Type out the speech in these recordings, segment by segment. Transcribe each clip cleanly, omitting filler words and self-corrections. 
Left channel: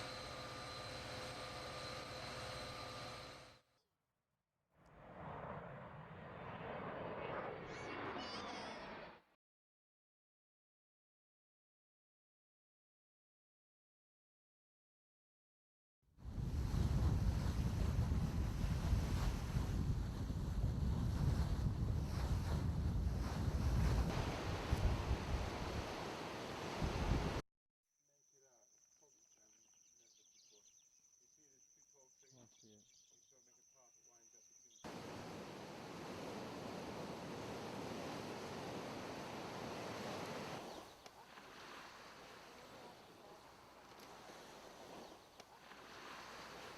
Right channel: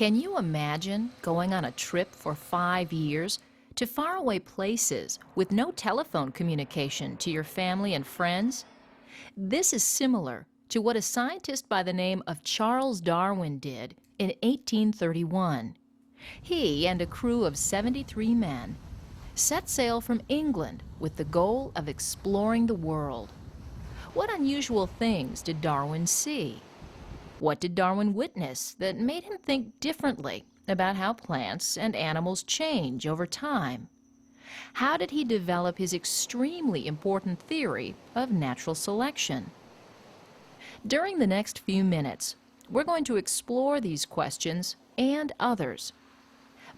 Can you imagine going on a trip for 5 years to faraway places with no telephone communication to your family and friends? This is similar to what a scientist by the name of Charles Darwin did in 1831. He and a crew of 73 men set sail from England with the goal of exploring the world. What unusual things did Darwin see? What did Darwin witness that made him think differently about how plants and animals change over time? How did he develop his extremely important theory of natural selection? During the next few minutes, we're going to explore these questions and others.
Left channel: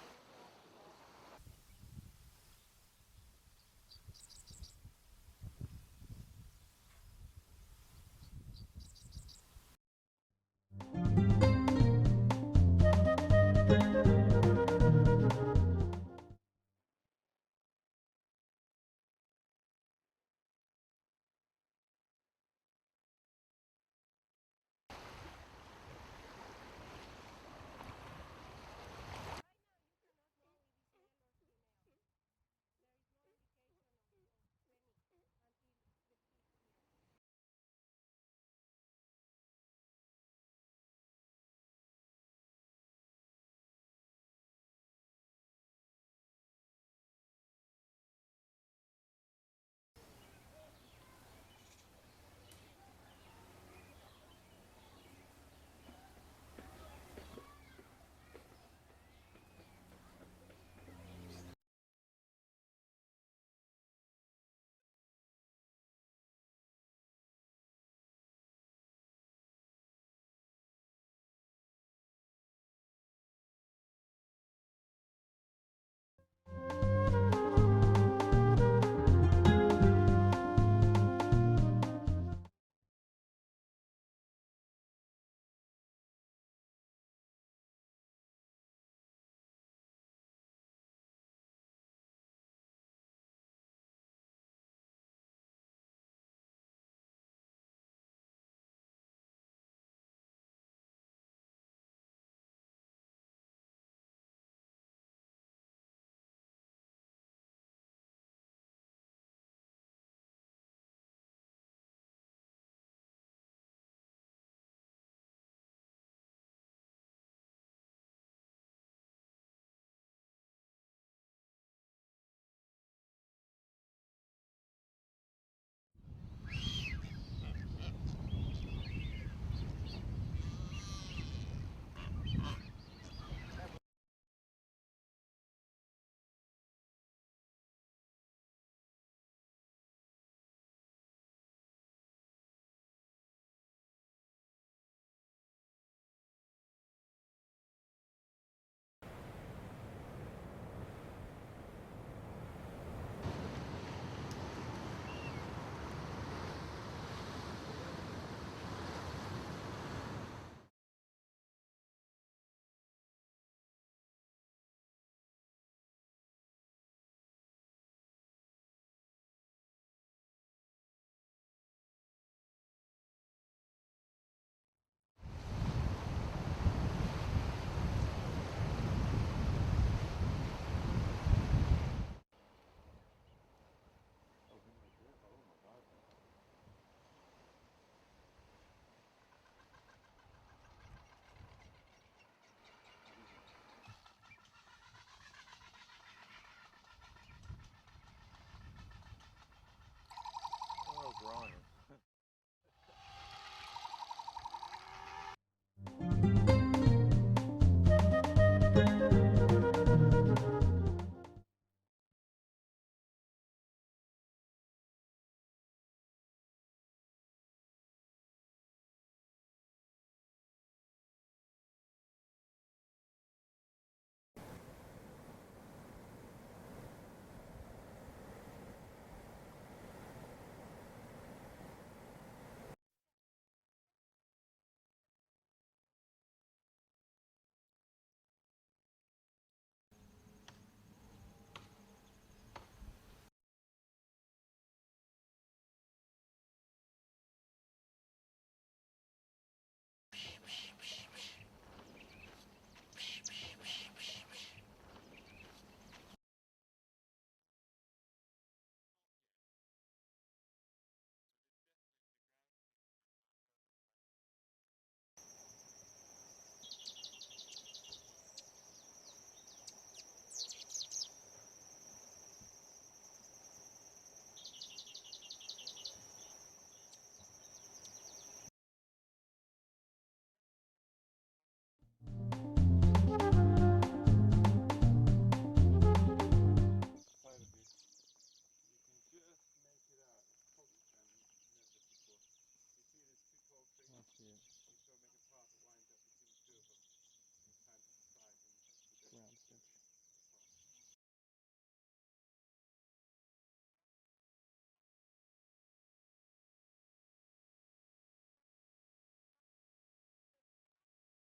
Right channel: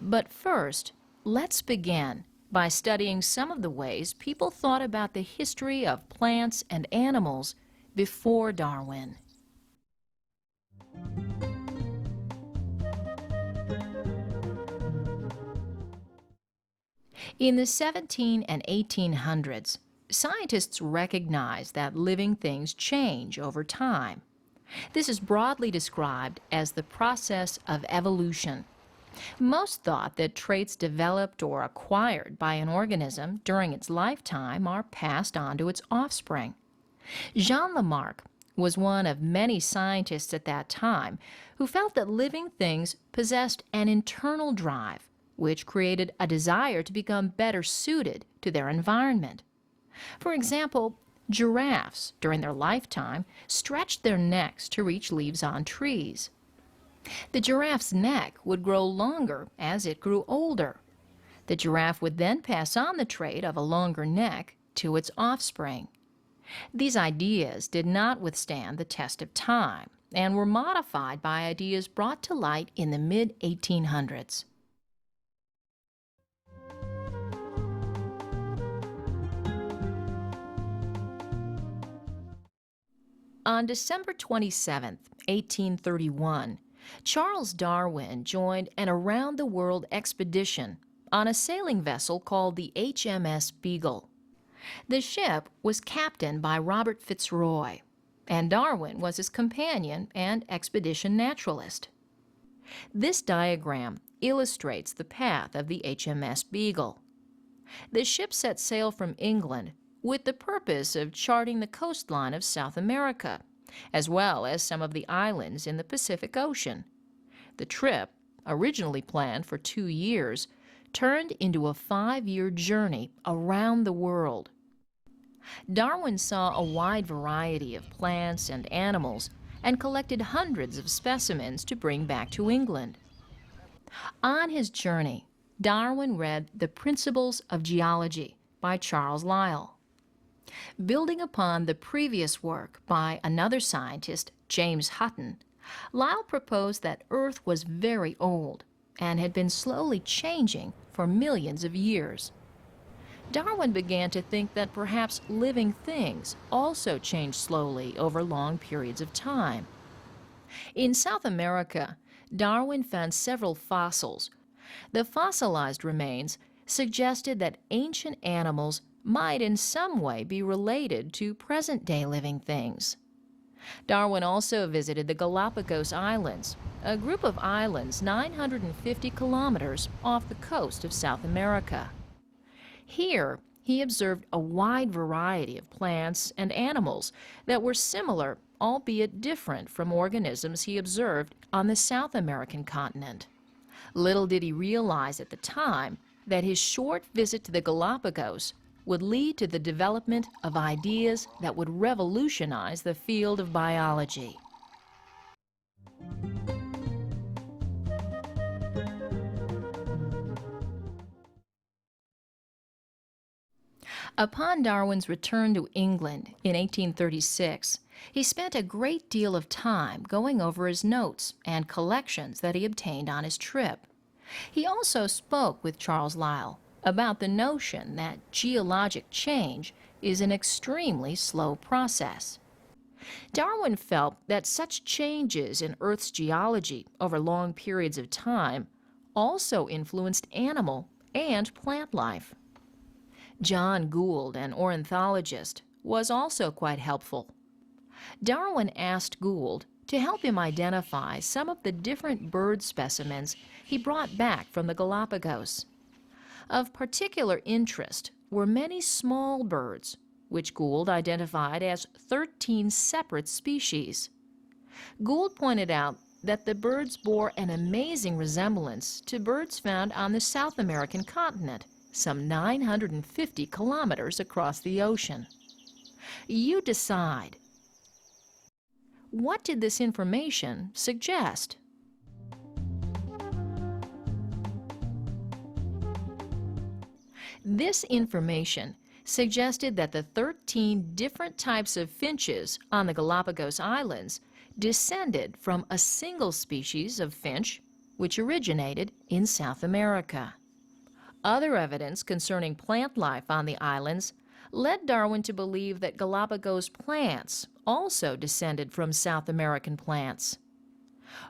But first, let's begin by studying some of the ways people thought about the history of plants and animals before Darwin. In the 17 and 1800s, scientists recognized that living things change over time. This is broadly described as the process of evolution. Most thought that traits developed or acquired by an organism during its lifetime are passed on to its offspring. Jean Lamarck was one of many scientists at that time who felt that living things possessed an internal drive, which created a desire to become better suited to their environment. For example, giraffes, during their lifetime, stretched their necks to reach leaves on trees. The giraffe's neck would grow longer as it grew older. The giraffe would then pass on the trait of a longer neck to its offspring. These ideas did not withstand the test of time and were modified by ideas brought to light in the mid-1800s. On December 27, 1831, Charles Darwin joined an around-the-world expedition on a sailing vessel called the HMS Beagle. The ship was captained by Robert Fitzroy, and Darwin was his companion and expedition naturalist. This diagram illustrates the path of the HMS Beagle. The ship set sail from England with the purpose of charting the coastline of South America, as well as some of the islands in the Pacific Ocean. The trip, originally planned for 2 years, turned into a 5-year journey around the world. Darwin saw a wide variety of plants and animals and collected hundreds of specimens to bring back to England. On his journey, Darwin read The Principles of Geology by Charles Lyell. Building upon the previous work by another scientist, James Hutton, Lyell proposed that Earth was very old and had been slowly changing for millions of years. Darwin began to think that perhaps living things also changed slowly over long periods of time. In South America, Darwin found several fossils. The fossilized remains suggested that ancient animals might in some way be related to present-day living things. Darwin also visited the Galapagos Islands, a group of islands 950 kilometers off the coast of South America. Here, he observed a wide variety of plants and animals that were similar, albeit different from organisms he observed on the South American continent. Little did he realize at the time that his short visit to the Galapagos would lead to the development of ideas that would revolutionize the field of biology. Upon Darwin's return to England in 1836, he spent a great deal of time going over his notes and collections that he obtained on his trip. He also spoke with Charles Lyell about the notion that geologic change is an extremely slow process. Darwin felt that such changes in Earth's geology over long periods of time also influenced animal and plant life. John Gould, an ornithologist, was also quite helpful. Darwin asked Gould to help him identify some of the different bird specimens he brought back from the Galapagos. Of particular interest were many small birds, which Gould identified as 13 separate species. Gould pointed out that the birds bore an amazing resemblance to birds found on the South American continent, some 950 kilometers across the ocean. You decide. What did this information suggest? This information suggested that the 13 different types of finches on the Galapagos Islands descended from a single species of finch which originated in South America. Other evidence concerning plant life on the islands led Darwin to believe that Galapagos plants also descended from South American plants.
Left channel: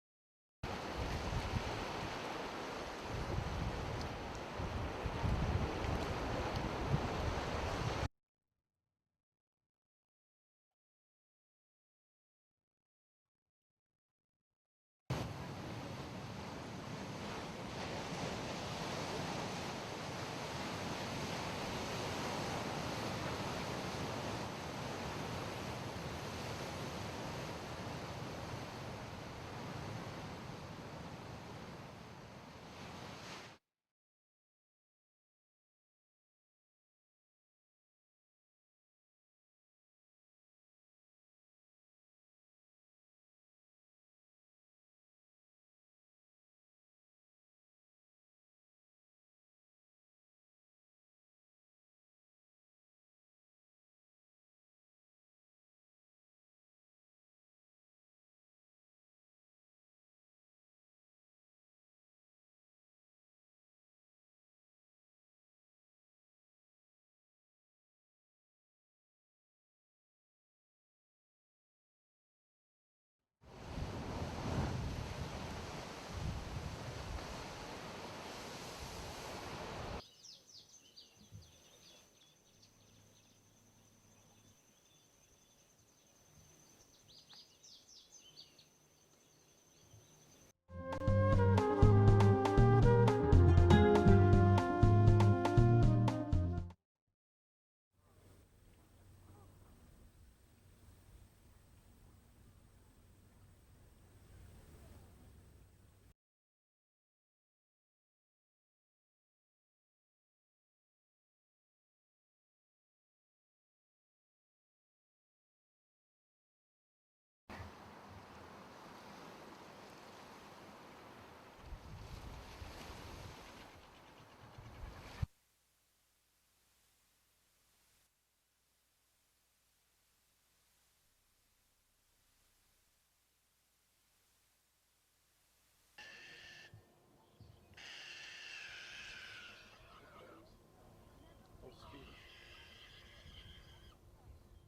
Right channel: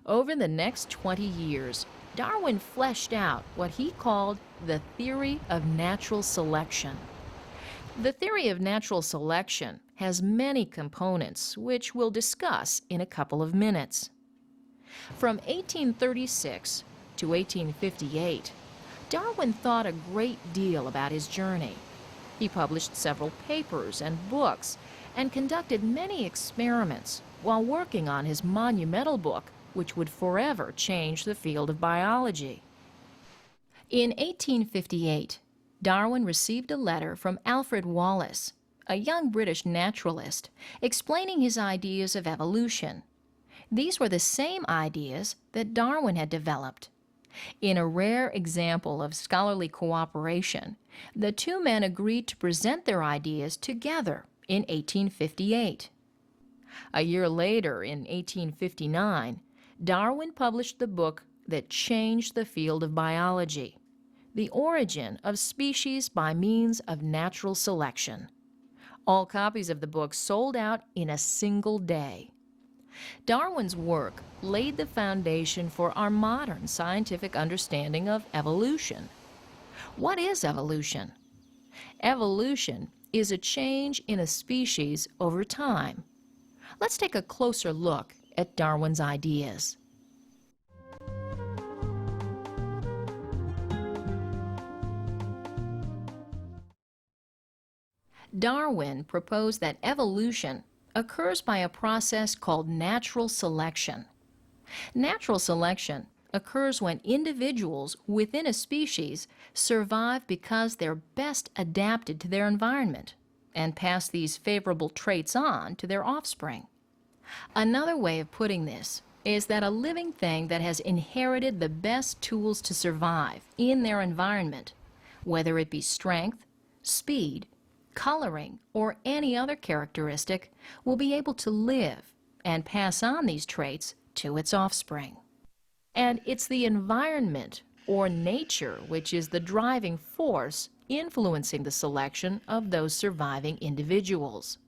Over the next 20 years, Darwin fleshed out what he called the theory of natural selection. The theory of natural selection has many components, which we'll discuss in a couple of minutes. From 1836 to 1858, Darwin thought a great deal about his journey. He published several papers and books and conducted many experiments while working on his monumental book, which would forever change the field of biology. In 1858, Darwin received a letter from Alfred Wallace, a young British naturalist, explaining his ideas of evolution. These were the same ideas that Darwin had developed. In a rare example of scholarly cooperation, the two men agreed to present their ideas together in 1858. A year later, in 1859, Darwin published the book that changed the field of biology, The Origin of Species by Means of Natural Selection. All copies of the book sold out in a single day. Darwin's work laid the foundation for our modern scientific understanding of evolution. What is evolution? Evolution is a change in a species over time. Let's take a closer look at Darwin's ideas. Darwin proposed that evolution occurs by a process called natural selection. Natural selection occurs when individuals within a species survive because they're best adapted to their environment and pass these favorable traits on to their offspring. Another way of putting this is that a living thing that has inherited the best tools to survive in their environment, whether it be strength, speed, coloring, or any other characteristic, will be able to live and pass on these traits to its offspring. And it's the environment, or nature, which is the driving force influencing the selection of those surviving individuals.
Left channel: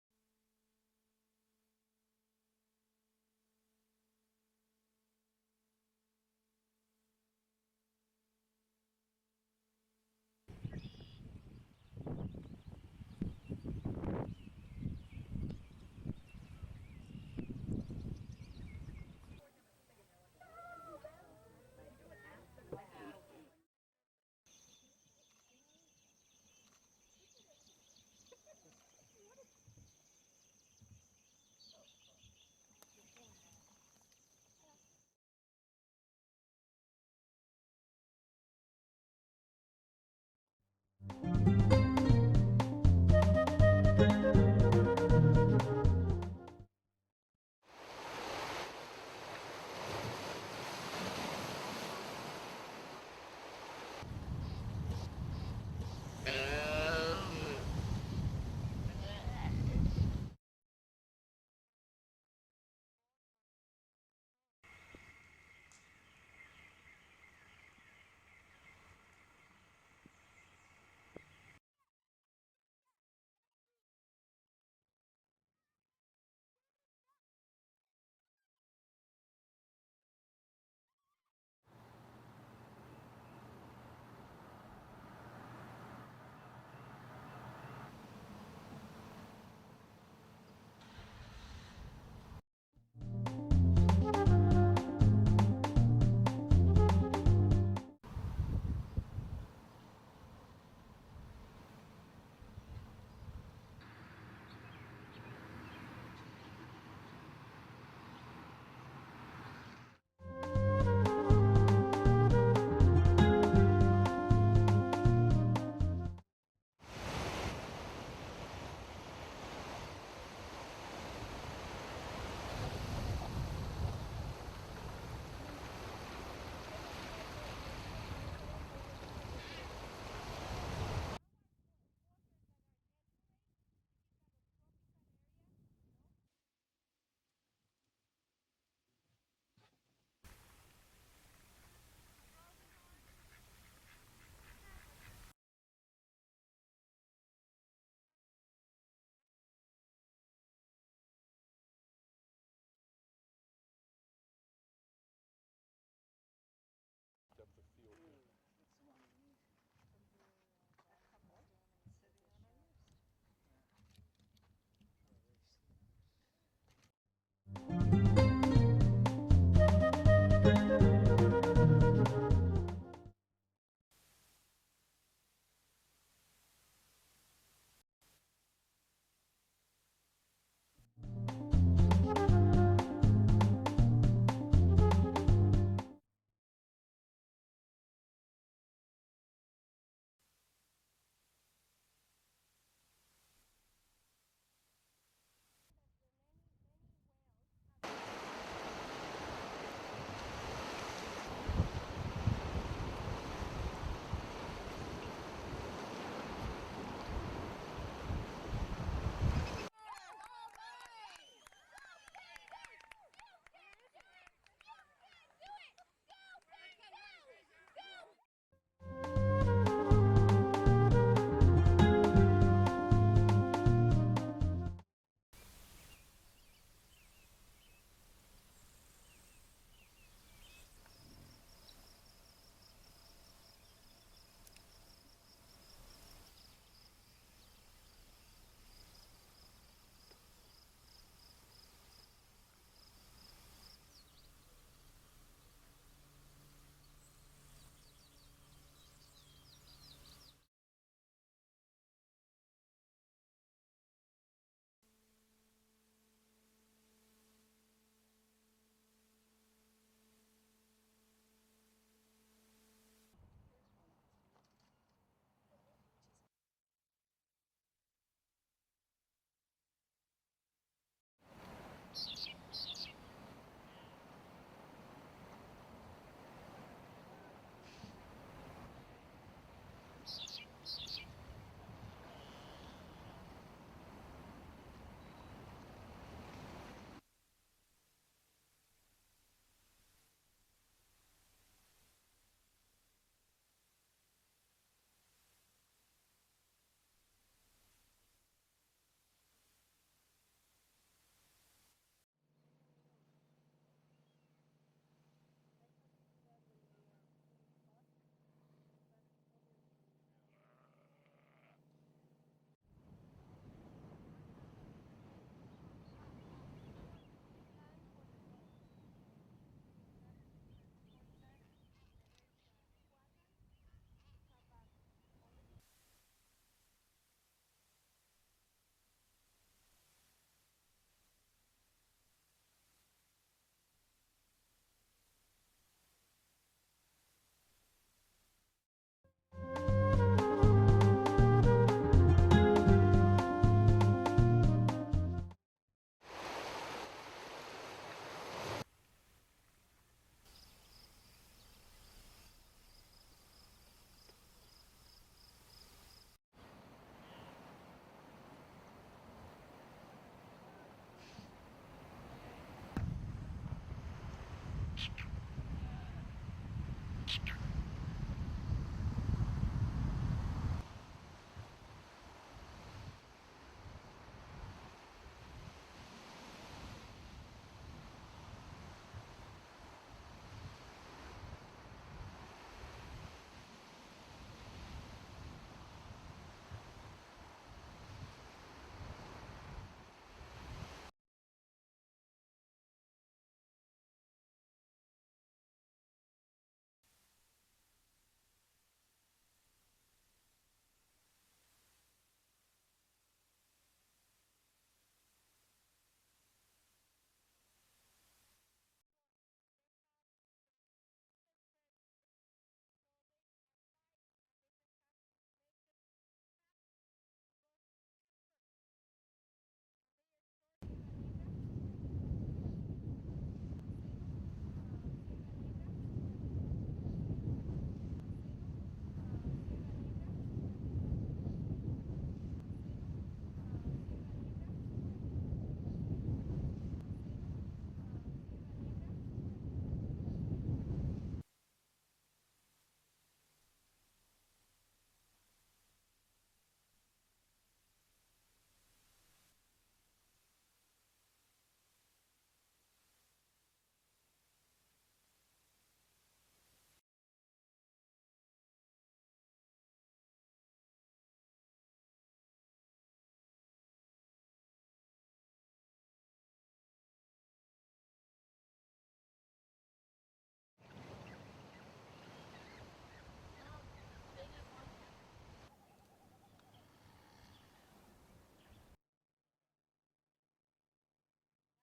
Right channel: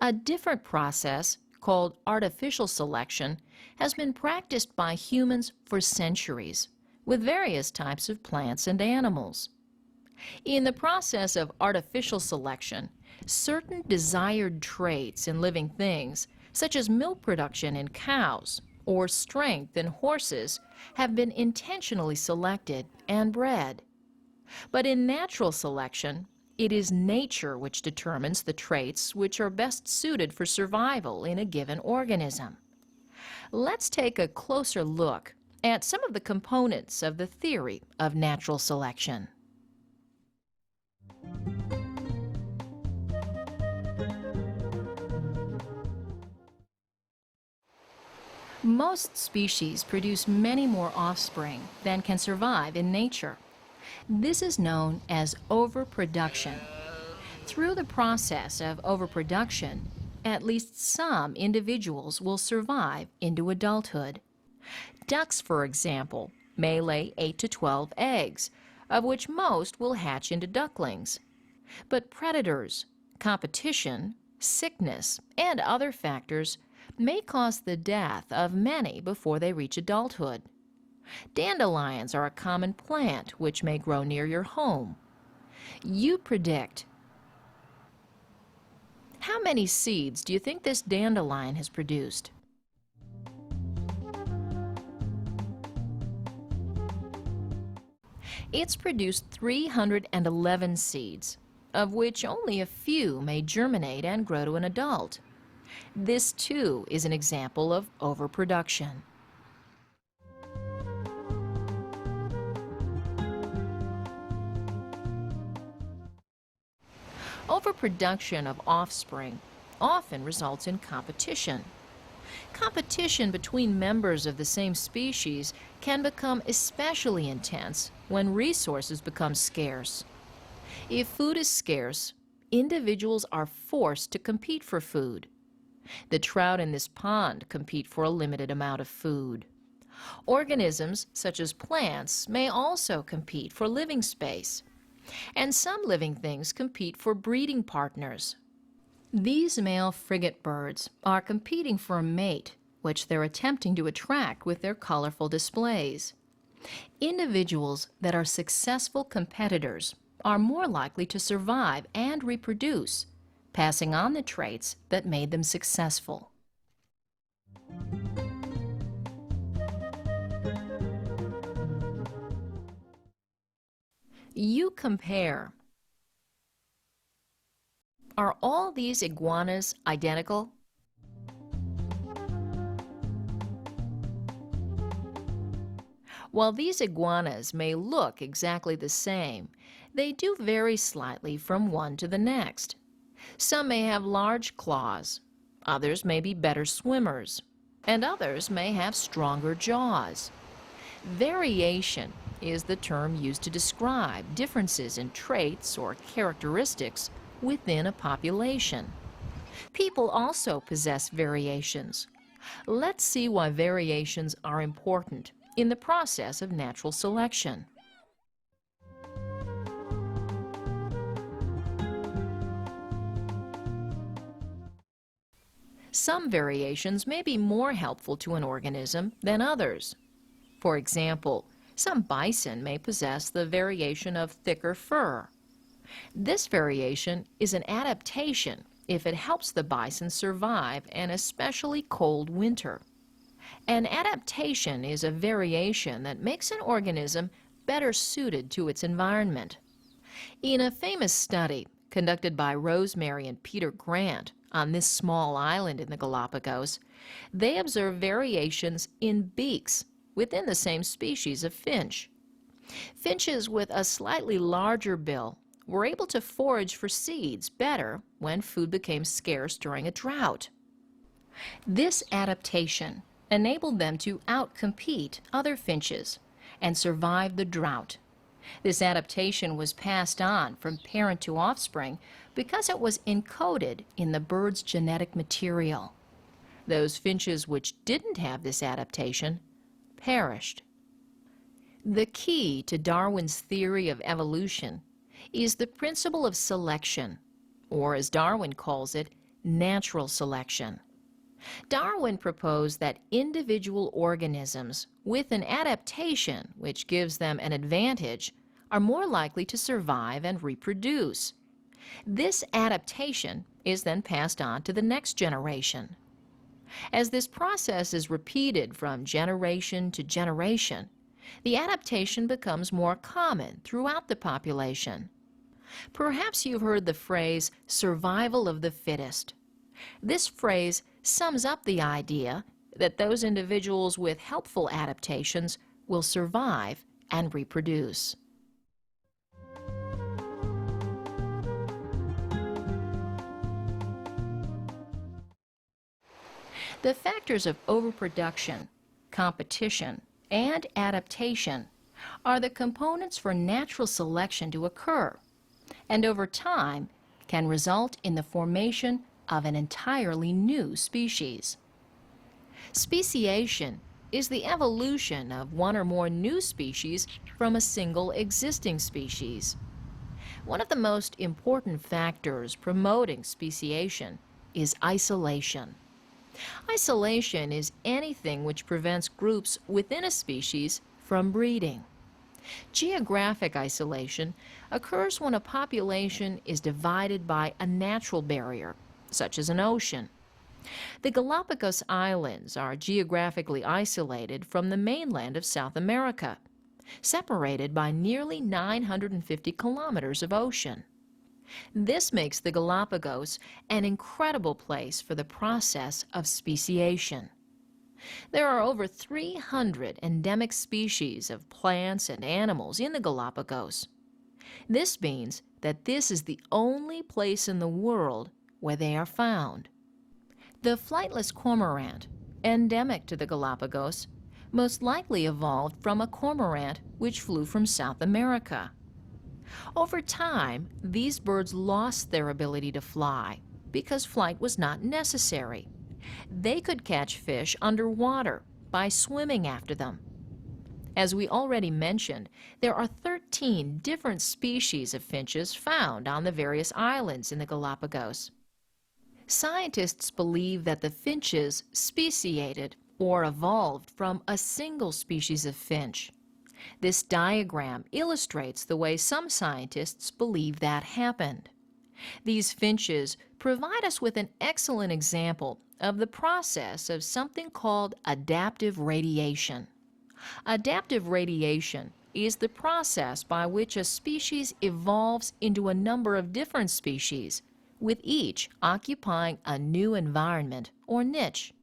A different process, called artificial selection, has been practiced by humans for centuries, with various types of plants and animals. In the process of artificial selection, certain desired traits in living things, such as milk production in cows or strength in horses, have been intentionally selected and bred. But in natural selection, it is nature which determines the traits which are best suited for survival in a given organism. Let's take a closer look at some of the components of the theory of natural selection. Most species produce many more offspring than can survive in nature. This is known as overproduction. Through the process of overproduction, at least some individuals will survive into adulthood. Ducks, for example, may lay 8 to 12 eggs, of which most will hatch into ducklings. But predators, competition, sickness, and other factors may cause the death of many before they reach adulthood. Dandelions are a common plant which may grow near your home. You predict. How many seeds do you think this dandelion has produced? It's produced 311 seeds, of which only a few may germinate and grow to an adult. This, too, is an example of overproduction. Overproduction of offspring often results in competition. Competition between members of the same species can become especially intense when resources become scarce. If food is scarce, individuals are forced to compete for food. The trout in this pond compete for a limited amount of food. Organisms, such as plants, may also compete for living space. And some living things compete for breeding partners. These male frigate birds are competing for a mate, which they're attempting to attract with their colorful displays. Individuals that are successful competitors are more likely to survive and reproduce, passing on the traits that made them successful. You compare. Are all these iguanas identical? While these iguanas may look exactly the same, they do vary slightly from one to the next. Some may have large claws, others may be better swimmers, and others may have stronger jaws. Variation is the term used to describe differences in traits or characteristics within a population. People also possess variations. Let's see why variations are important in the process of natural selection. Some variations may be more helpful to an organism than others. For example, some bison may possess the variation of thicker fur. This variation is an adaptation if it helps the bison survive an especially cold winter. An adaptation is a variation that makes an organism better suited to its environment. In a famous study conducted by Rosemary and Peter Grant on this small island in the Galapagos, they observed variations in beaks within the same species of finch. Finches with a slightly larger bill were able to forage for seeds better when food became scarce during a drought. This adaptation enabled them to outcompete other finches and survive the drought. This adaptation was passed on from parent to offspring because it was encoded in the bird's genetic material. Those finches which didn't have this adaptation perished. The key to Darwin's theory of evolution is the principle of selection, or as Darwin calls it, natural selection. Darwin proposed that individual organisms with an adaptation which gives them an advantage are more likely to survive and reproduce. This adaptation is then passed on to the next generation. As this process is repeated from generation to generation, the adaptation becomes more common throughout the population. Perhaps you've heard the phrase, survival of the fittest. This phrase sums up the idea that those individuals with helpful adaptations will survive and reproduce. The factors of overproduction, competition, and adaptation are the components for natural selection to occur, and over time can result in the formation of an entirely new species. Speciation is the evolution of one or more new species from a single existing species. One of the most important factors promoting speciation is isolation. Isolation is anything which prevents groups within a species from breeding. Geographic isolation occurs when a population is divided by a natural barrier, such as an ocean. The Galapagos Islands are geographically isolated from the mainland of South America. separated by nearly 950 kilometers of ocean. This makes the Galapagos an incredible place for the process of speciation. There are over 300 endemic species of plants and animals in the Galapagos. This means that this is the only place in the world where they are found. The flightless cormorant, endemic to the Galapagos, most likely evolved from a cormorant which flew from South America. Over time, these birds lost their ability to fly because flight was not necessary. They could catch fish underwater by swimming after them. As we already mentioned, there are 13 different species of finches found on the various islands in the Galapagos. Scientists believe that the finches speciated or evolved from a single species of finch. This diagram illustrates the way some scientists believe that happened. These finches provide us with an excellent example of the process of something called adaptive radiation. Adaptive radiation is the process by which a species evolves into a number of different species, with each occupying a new environment or niche.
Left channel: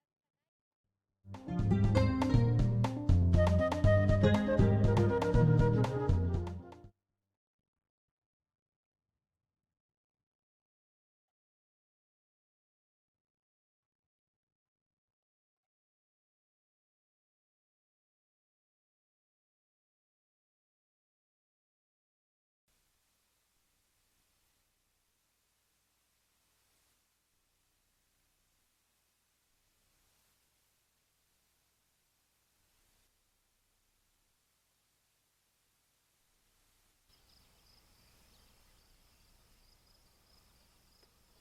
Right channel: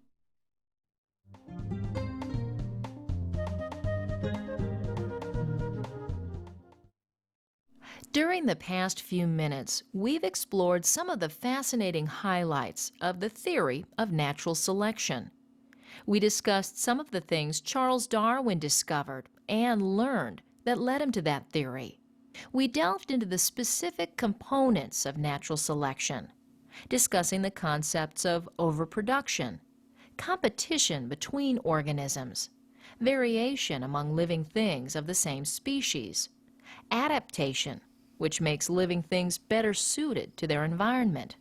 During the past few minutes, we've explored some of the fascinating highlights of the theory of natural selection. We discussed some of the things Charles Darwin discovered and learned that led him to that theory. We delved into the specific components of natural selection, discussing the concepts of overproduction, competition between organisms, variation among living things of the same species, adaptation, which makes living things better suited to their environment,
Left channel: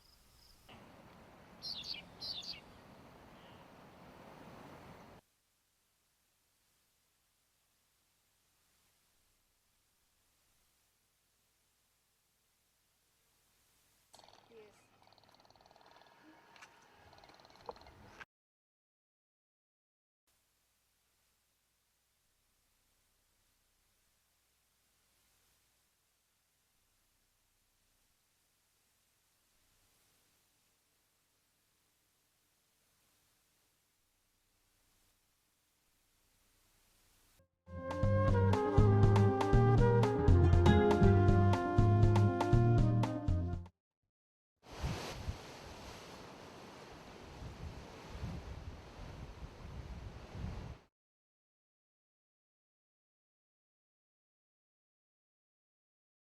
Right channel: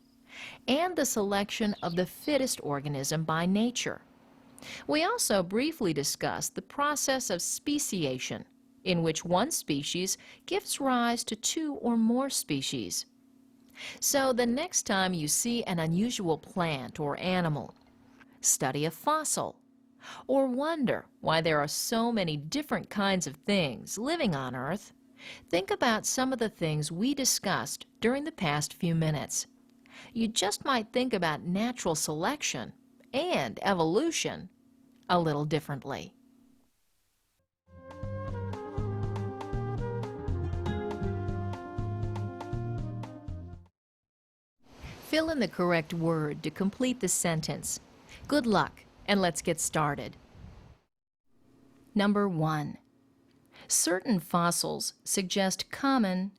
and the selection of the fittest organism by nature. We also briefly discussed the process of speciation, in which one species gives rise to two or more species. So the next time you see an unusual plant or animal, study a fossil, or wonder why there are so many different kinds of things living on Earth, think about some of the things we discussed during the past few minutes. You just might think about natural selection and evolution a little differently. Fill in the correct word to complete the sentence. Good luck, and let's get started. Number 1. Certain fossils suggest common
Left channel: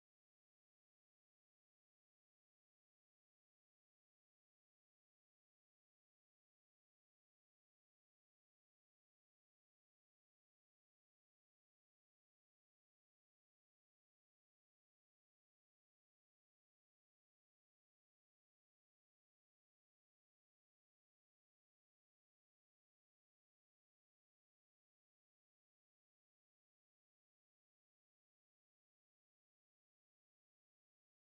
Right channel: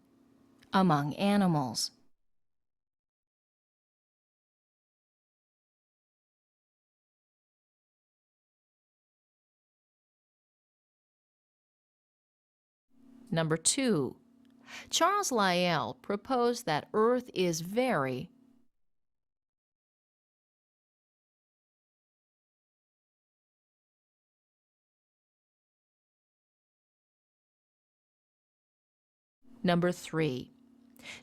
among animals. Number 2. Charles Lyell proposed that Earth is very. Number 3.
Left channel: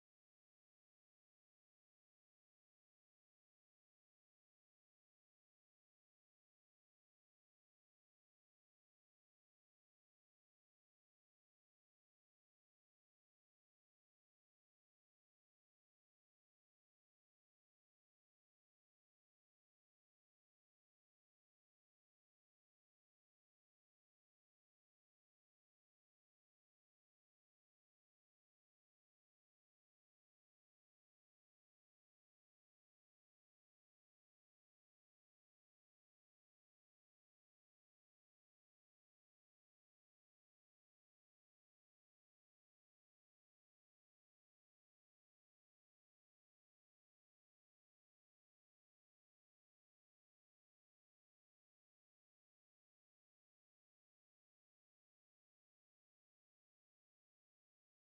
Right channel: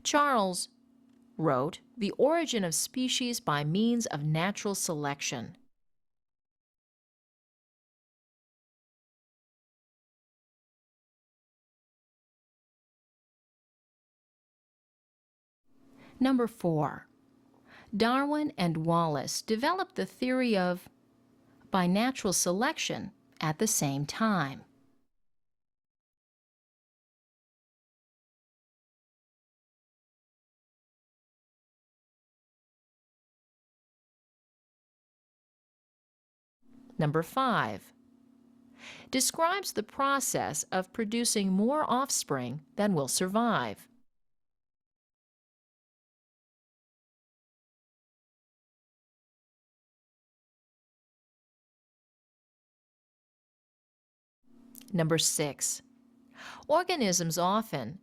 Charles wrote The Origin of Species by Means of Natural Selection. Number 4. Darwin and Wallace developed the theory of by natural selection at the same time. Number 5. Describes the process of producing more offspring than will survive. Number 6. Organisms often,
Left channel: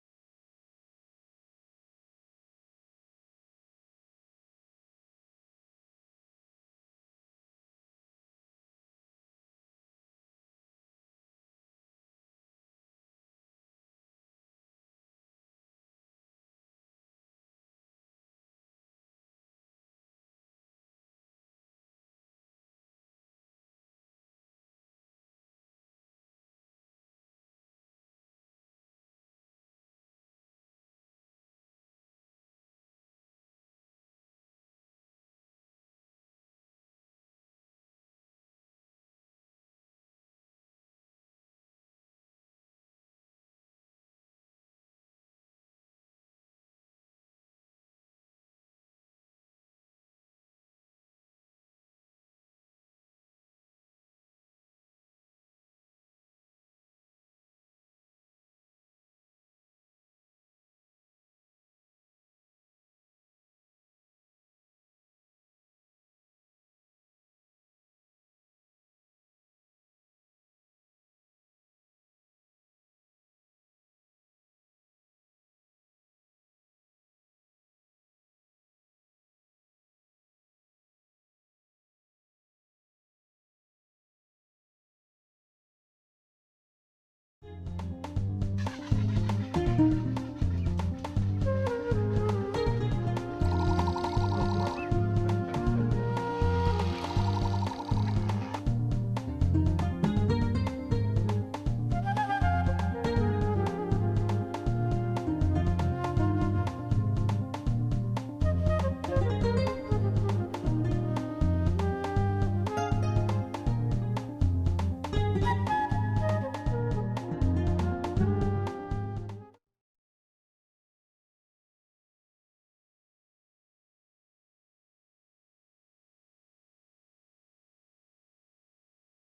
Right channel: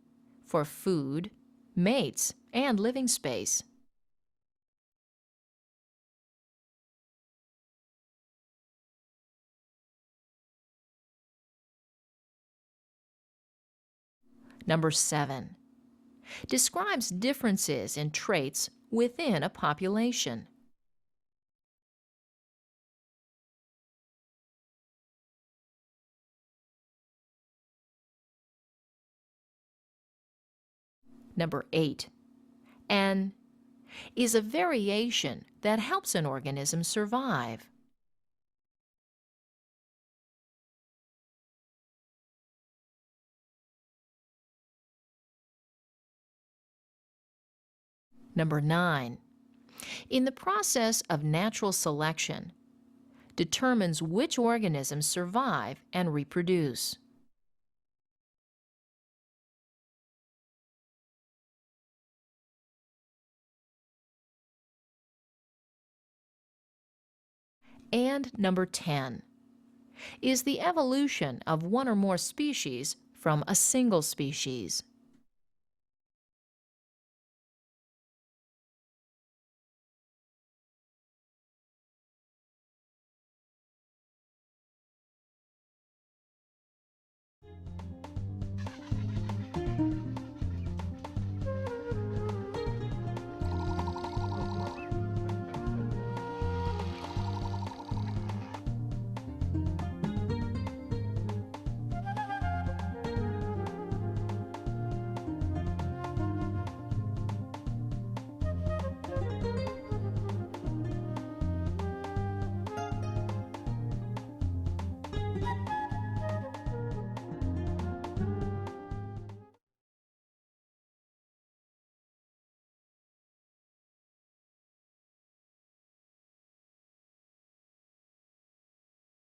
for food, mates, and living space. Number 7. Describes differences in traits within a population. Number 8. An is a variation that helps an organism survive. Number 9. In the process of natural selection, determines which organisms survive and reproduce. And number 10 is the evolution of one or more species from a single species.